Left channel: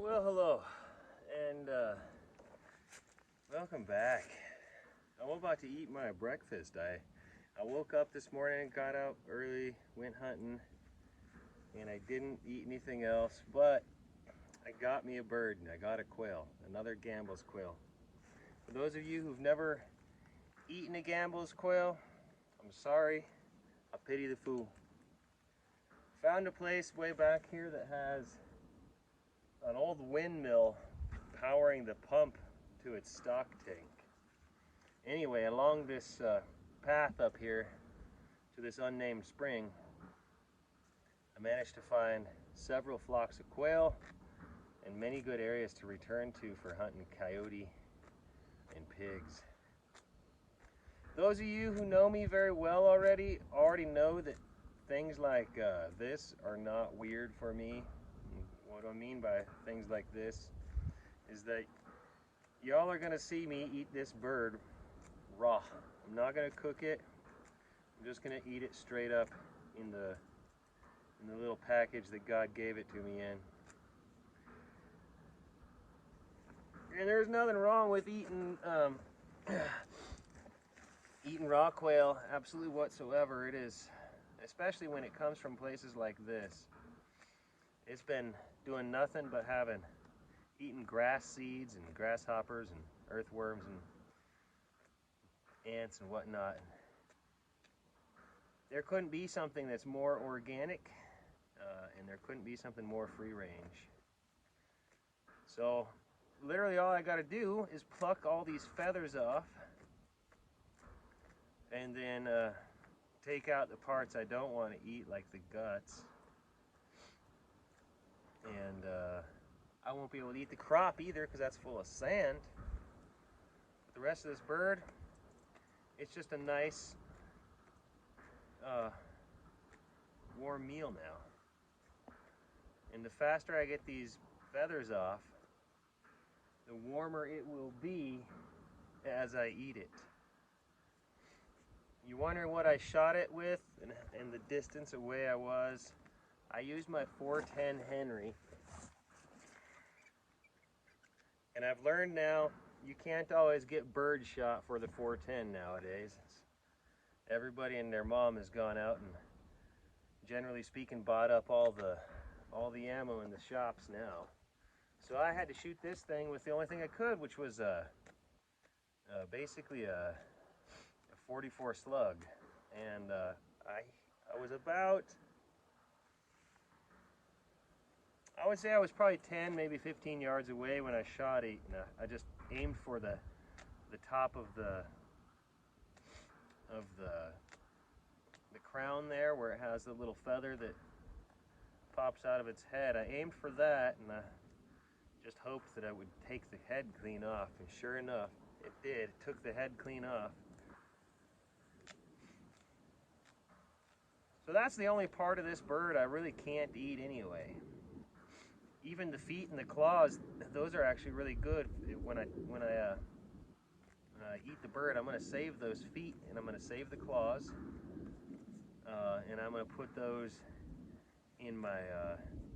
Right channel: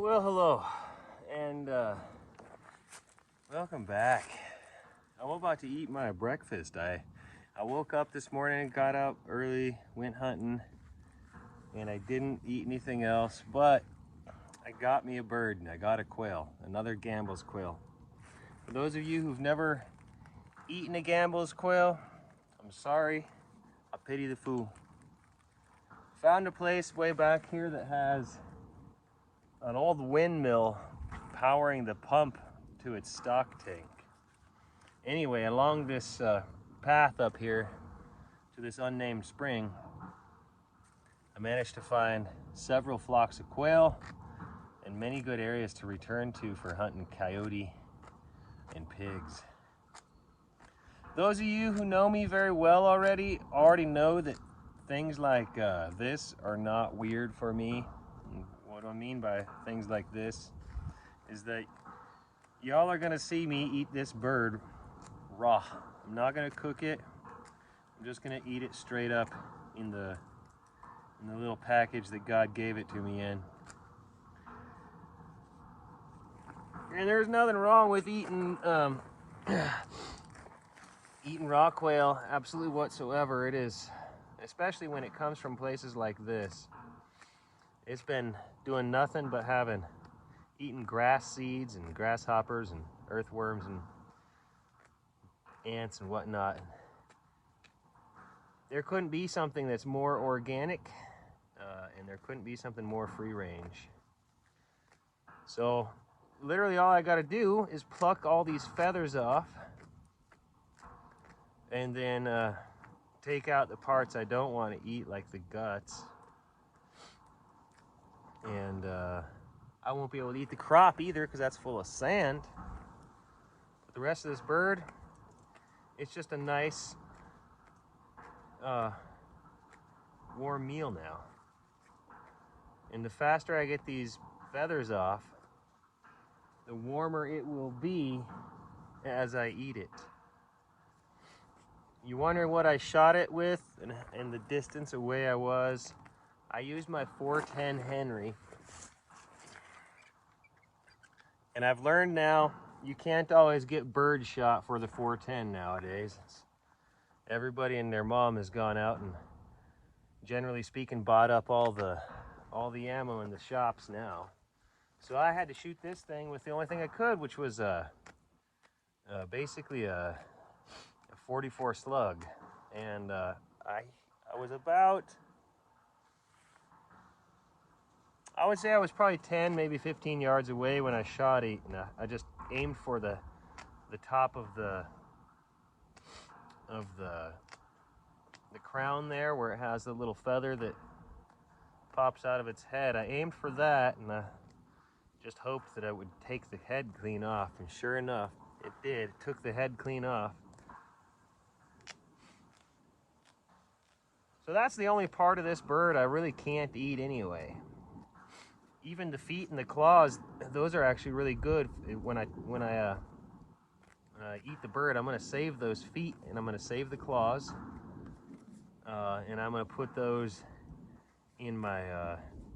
Well, hello, and welcome back. I'm about to eat my breakfast. I woke up this morning, got up early, went hunting, and I didn't eat anything else, but I got me a bird, and I got a quail, another Gambel's quail. For those of you who've never eaten a Gambel's quail, I'm sorry, I pity the fool. Found a place way back here that has an old windmill powering the pump to its stock tank. Anyway, along this path up here to this unnamed spring, I managed to find several flocks of quail and many good areas to return to for hunting coyote and pigs. Those of you who know me very well already know that things like this are not weird for me. And what I mean by things like this is that y'all are gonna see me eat this bird raw. I'm not gonna cook it. I'm just gonna eat it straight up in the little package that God gave it to me in. And there's nothing wrong with eating eating raw quail, absolutely whatsoever. It is, especially when it comes from places like this. It's been doing nothing but eating grass seeds and grasshoppers and earthworms and ants and whatnot. There couldn't be something that's more organic, and there couldn't be something more free range. So literally all I got to do is pluck all these feathers off and then take out the parts I don't want to eat, like the guts. And I won't be able to eat the crop either because that's full of sand. But the rest of this bird, it's just a nice warm meal now. And the faster I get these feathers off, the warmer it will be as I eat it. You wonder what I shot it with and the distance away I was. I used my 410 Henry. And I've learned now you can't always get bird shot for the 410 nowadays. Everybody and their mom has gone out and, generally speaking, bought up all the ammo in the shops now. So I had to shoot this thing with the only thing I could, which was basically a 44 slug. And I was about, I would say I was probably 10, maybe 15 yards away when I shot it. And I just aimed for the top of the crown there, where it has the little feather that pops out of its head. I aimed for that, and I just hoped that I would take the head clean off. And sure enough, it did. It took the head clean off. So that's the only part of this bird I really can't eat anyway. Even the feet and the claws, those are actually really good. When I eat the bird, I'm going to save those feet and I'm going to save the claws, and I'm going to put those in my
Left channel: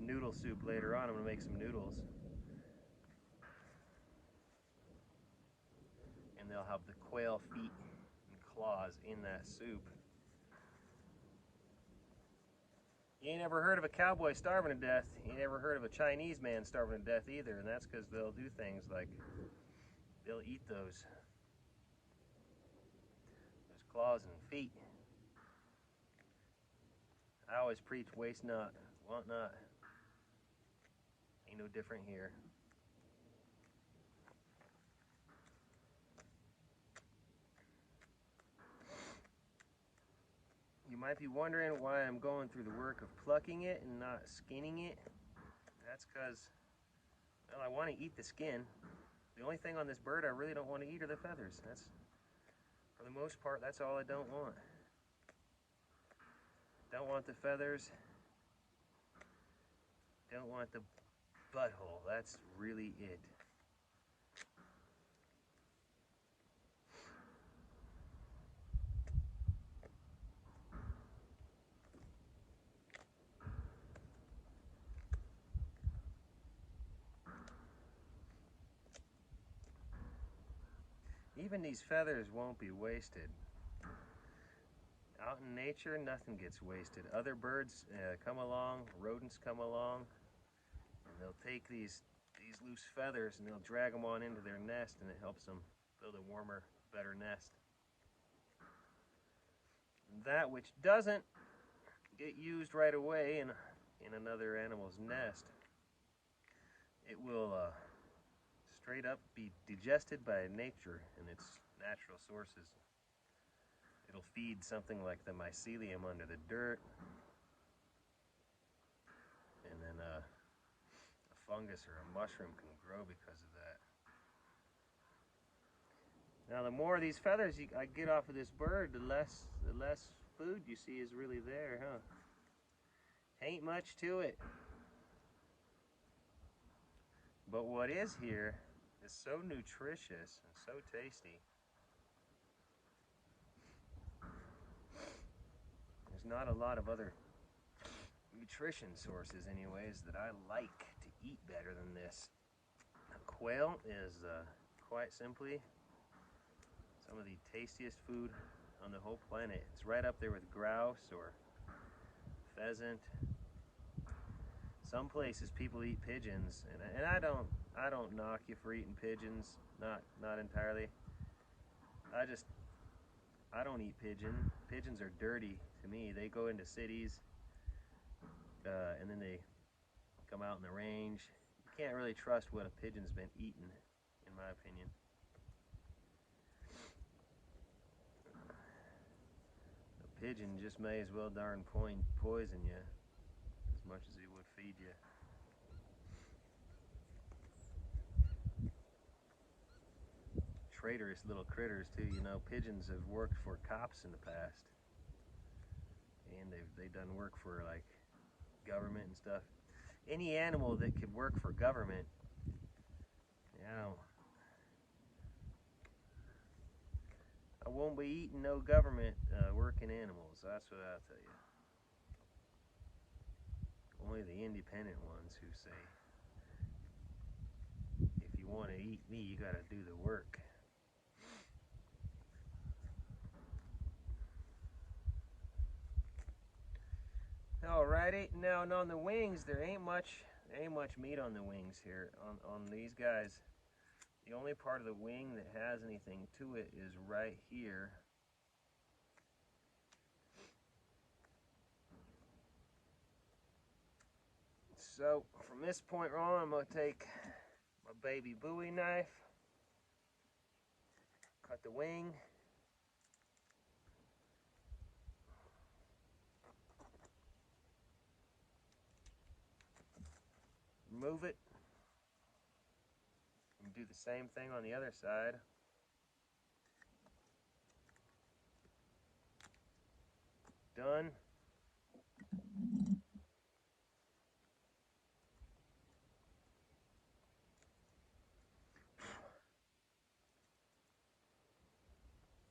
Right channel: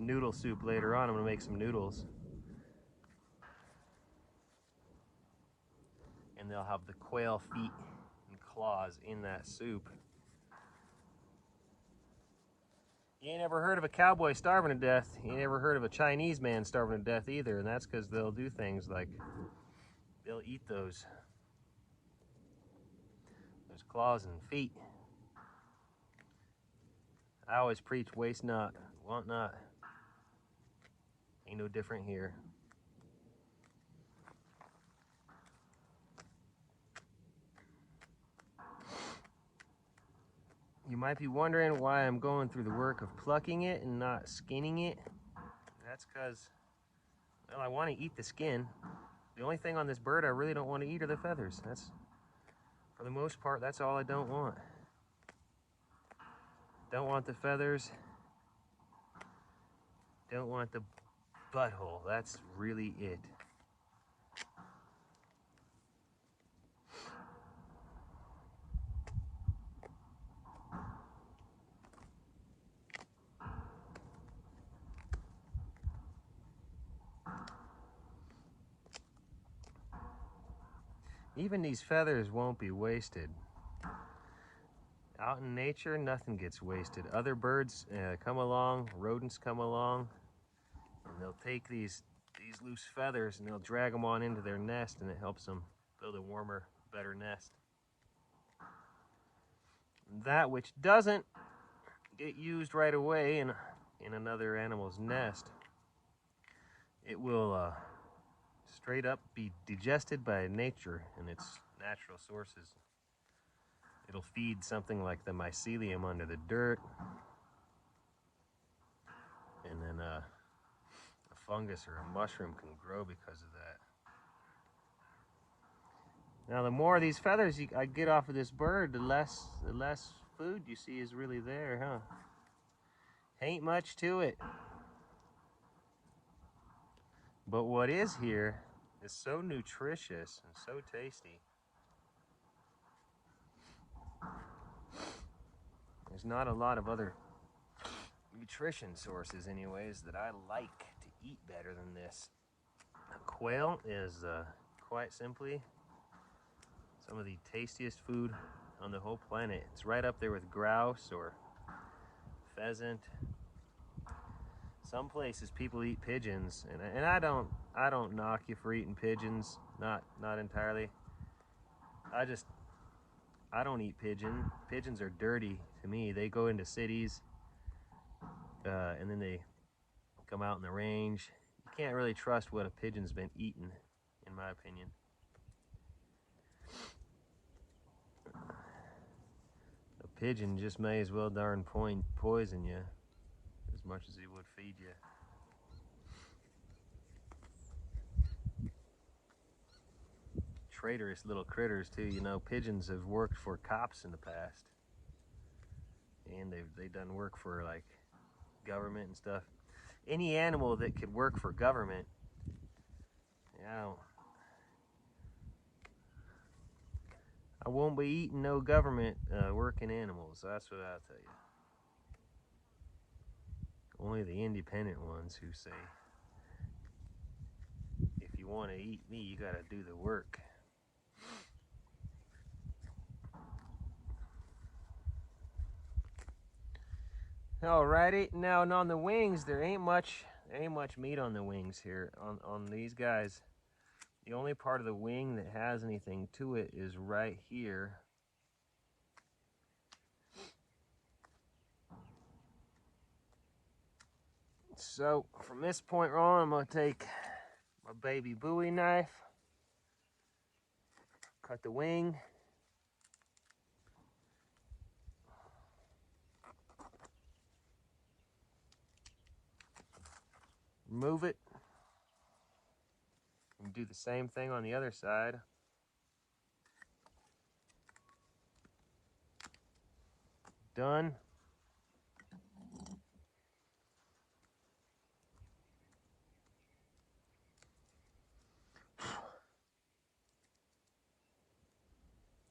noodle soup later on. I'm going to make some noodles, and they'll have the quail feet and claws in that soup. You ain't ever heard of a cowboy starving to death. You ain't ever heard of a Chinese man starving to death either, and that's because they'll do things like they'll eat those claws and feet. I always preach, waste not, want not. Ain't no different here. You might be wondering why I'm going through the work of plucking it and not skinning it. That's because, well, I want to eat the skin. The only thing on this bird I really don't want to eat are the feathers. That's, for the most part, that's all I don't want. Don't want the feathers. Don't want the butthole. That's really it. Even these feathers won't be wasted. Out in nature, nothing gets wasted. Other birds come along, rodents come along, and they'll take these loose feathers and they'll drag them on into their nest, and it helps them build a warmer, better nest. That which doesn't get used right away in another animal's nest, it will straight up be digested by nature in its natural sources. It'll feed something like the mycelium under the dirt, and then a fungus or a mushroom can grow because of that. Now, the more of these feathers I get off of this bird, the less food you see is really there, huh? Ain't much to it. But what is here is so nutritious and so tasty. There's not a lot of other nutrition sources anyways that I like to eat better than this. Quail is quite simply some of the tastiest food on the whole planet. It's right up there with grouse or pheasant. Some places people eat pigeons, and I don't knock you for eating pigeons, not entirely. I don't eat pigeon. Pigeons are dirty to me. They go into cities, and then they come out in the range. You can't really trust what a pigeon's been eating, in my opinion. A pigeon just may as well darn poison you as much as he would feed you. Traitorous little critters too. You know, pigeons have worked for cops in the past, and they've done work for like government and stuff. Any animal that could work for government, you know, I won't be eating no government working animals. That's what I'll tell you. Only the independent ones who say, if you want to eat me, you got to do the work. Alrighty, now and on the wings, there ain't much meat on the wings here. On these guys, the only part of the wing that has anything to it is right here. So from this point on, I'm gonna take my baby Bowie knife, cut the wing. Remove it, and do the same thing on the other side. Done.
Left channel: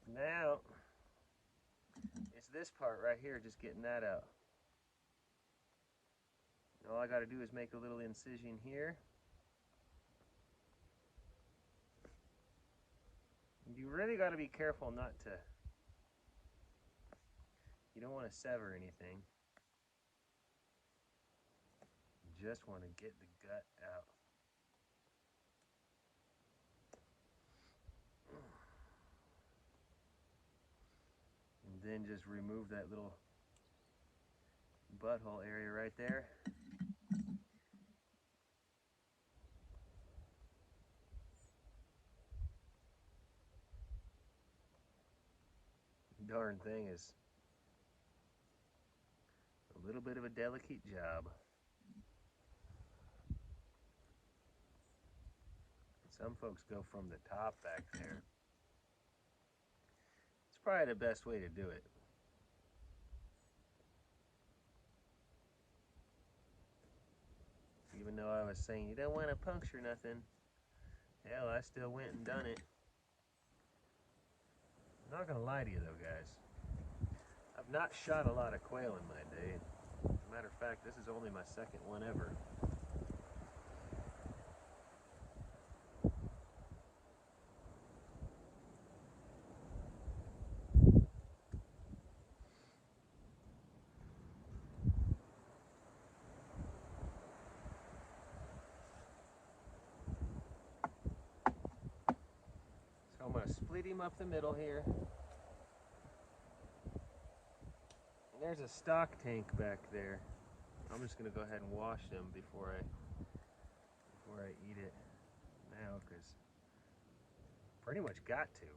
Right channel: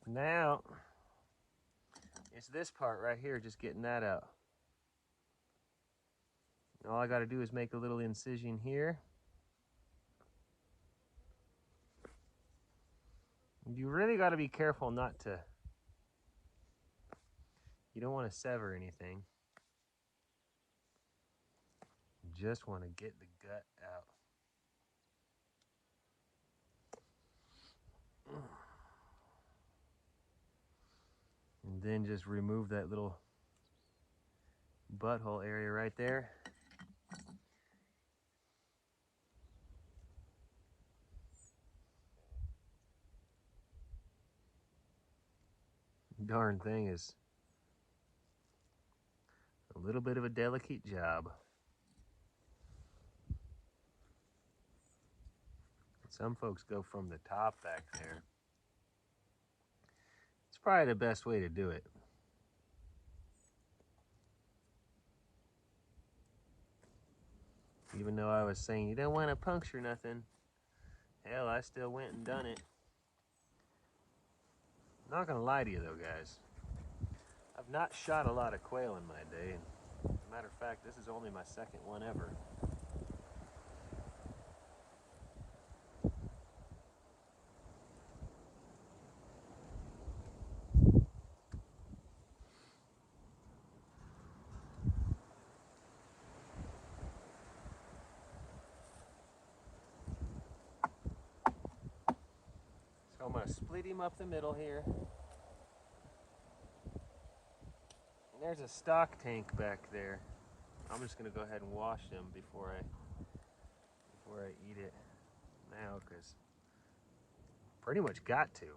Now, it's this part right here, just getting that out. All I gotta do is make a little incision here. You really gotta be careful not to, you don't wanna sever anything. You just wanna get the gut out. And then just remove that little butthole area right there. Darn thing is a little bit of a delicate job. Some folks go from the top back there. It's probably the best way to do it. Even though I was saying you don't want to puncture nothing, hell, I still went and done it. I'm not gonna lie to you though, guys. I've not shot a lot of quail in my day. As a matter of fact, this is only my second one ever. So I'm going to split him up the middle here. And there's a stock tank back there. I'm just going to go ahead and wash them before I eat it now, because pretty much got to.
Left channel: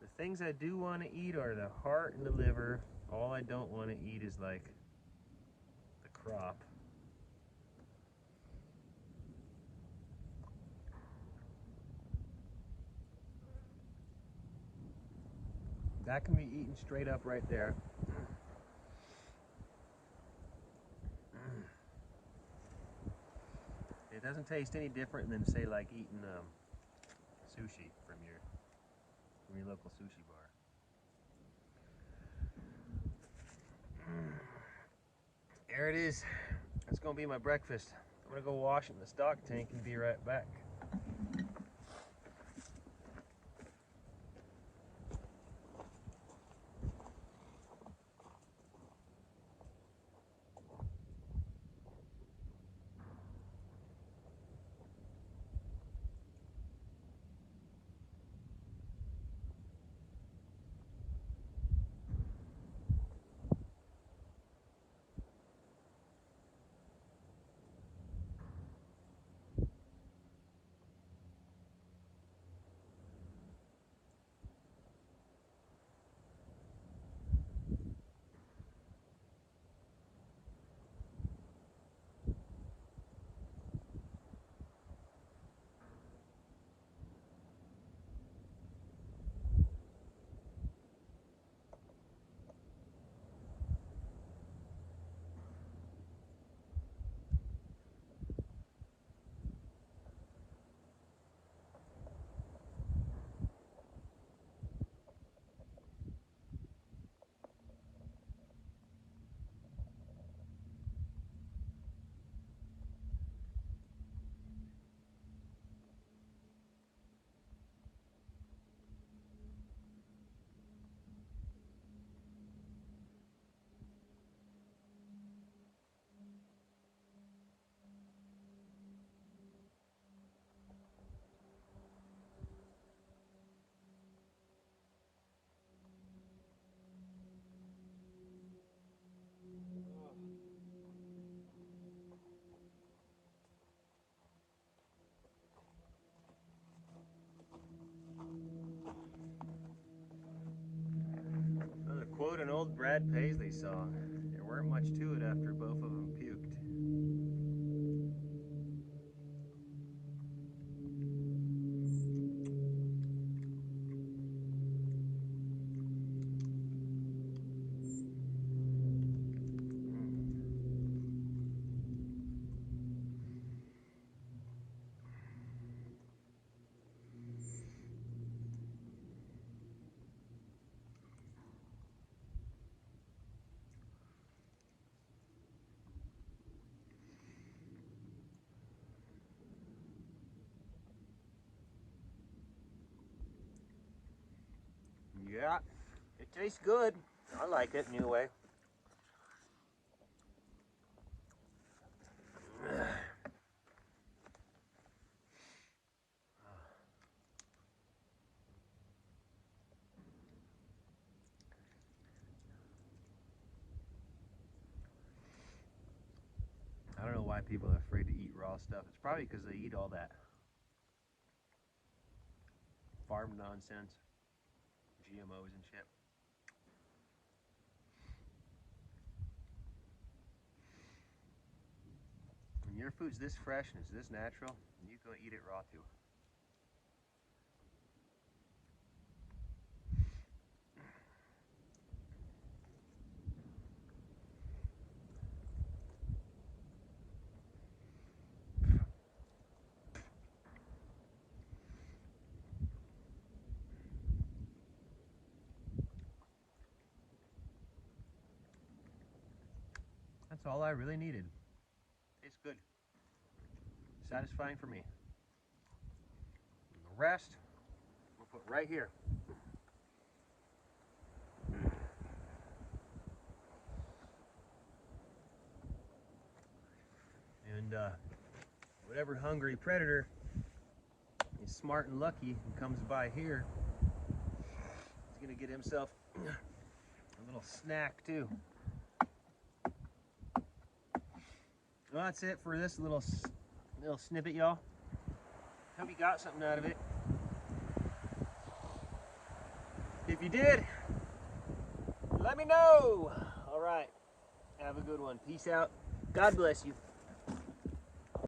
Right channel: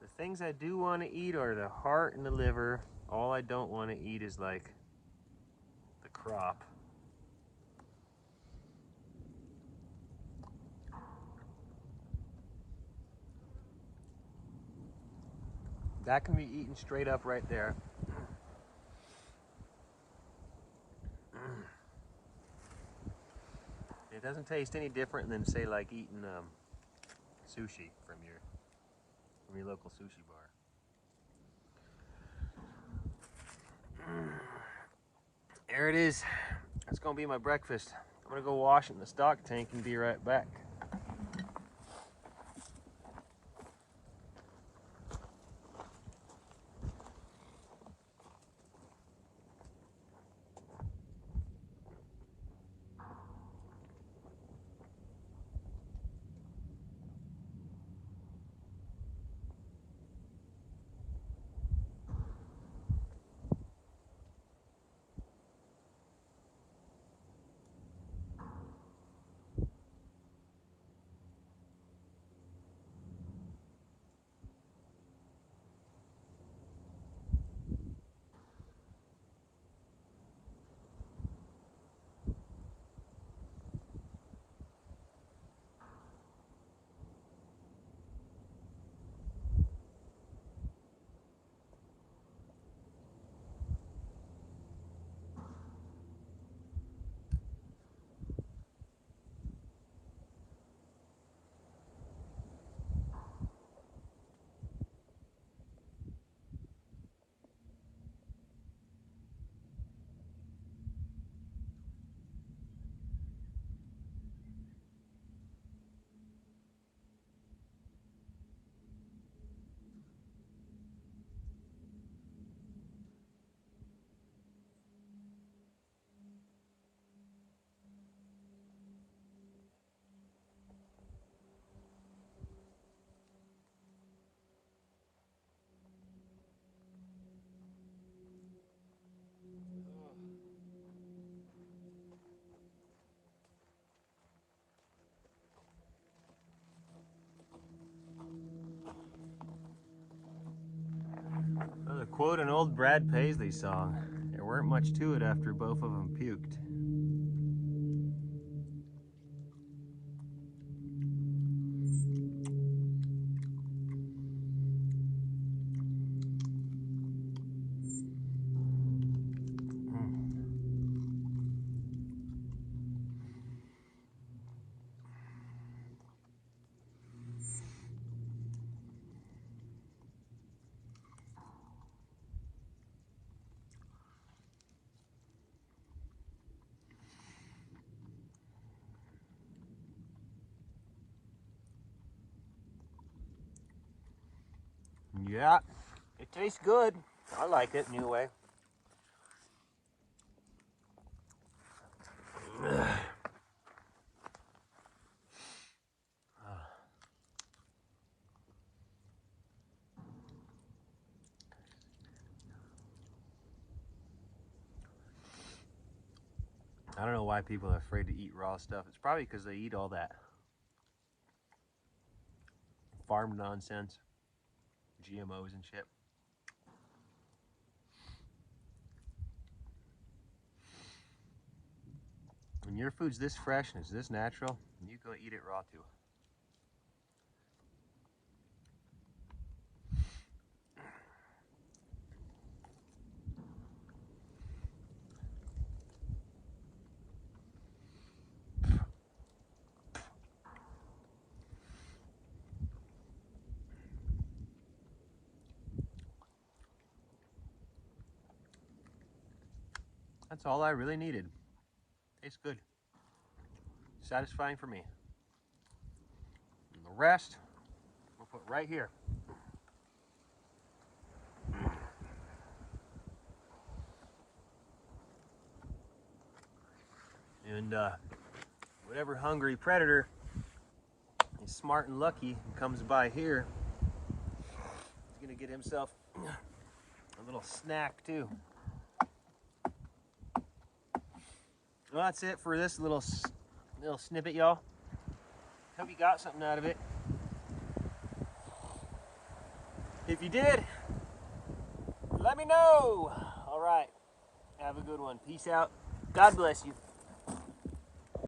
The things I do want to eat are the heart and the liver. All I don't want to eat is like the crop. That can be eaten straight up right there. It doesn't taste any different than, say, like eating sushi from your local sushi bar. There it is. That's gonna be my breakfast. I'm gonna go wash it in the stock tank and be right back. To quote an old Brad Paisley song, there weren't much to it after both of them puked. Yeah, it tastes good. I like it anyway. I don't know why people are afraid to eat raw stuff. It's probably because they eat all that farm nonsense, GMOs and shit. When your food's this fresh and it's this natural, you go eat it raw too. That's all I really needed. Tastes good. Satisfying for me. And the rest, we'll put right here. And whatever hungry predator is smart and lucky and comes by here, he's gonna get himself a little snack too. Well, that's it for this little snippet, y'all. Hope you got something out of it. If you did, let me know. All right, have a good one. Peace out. God bless you.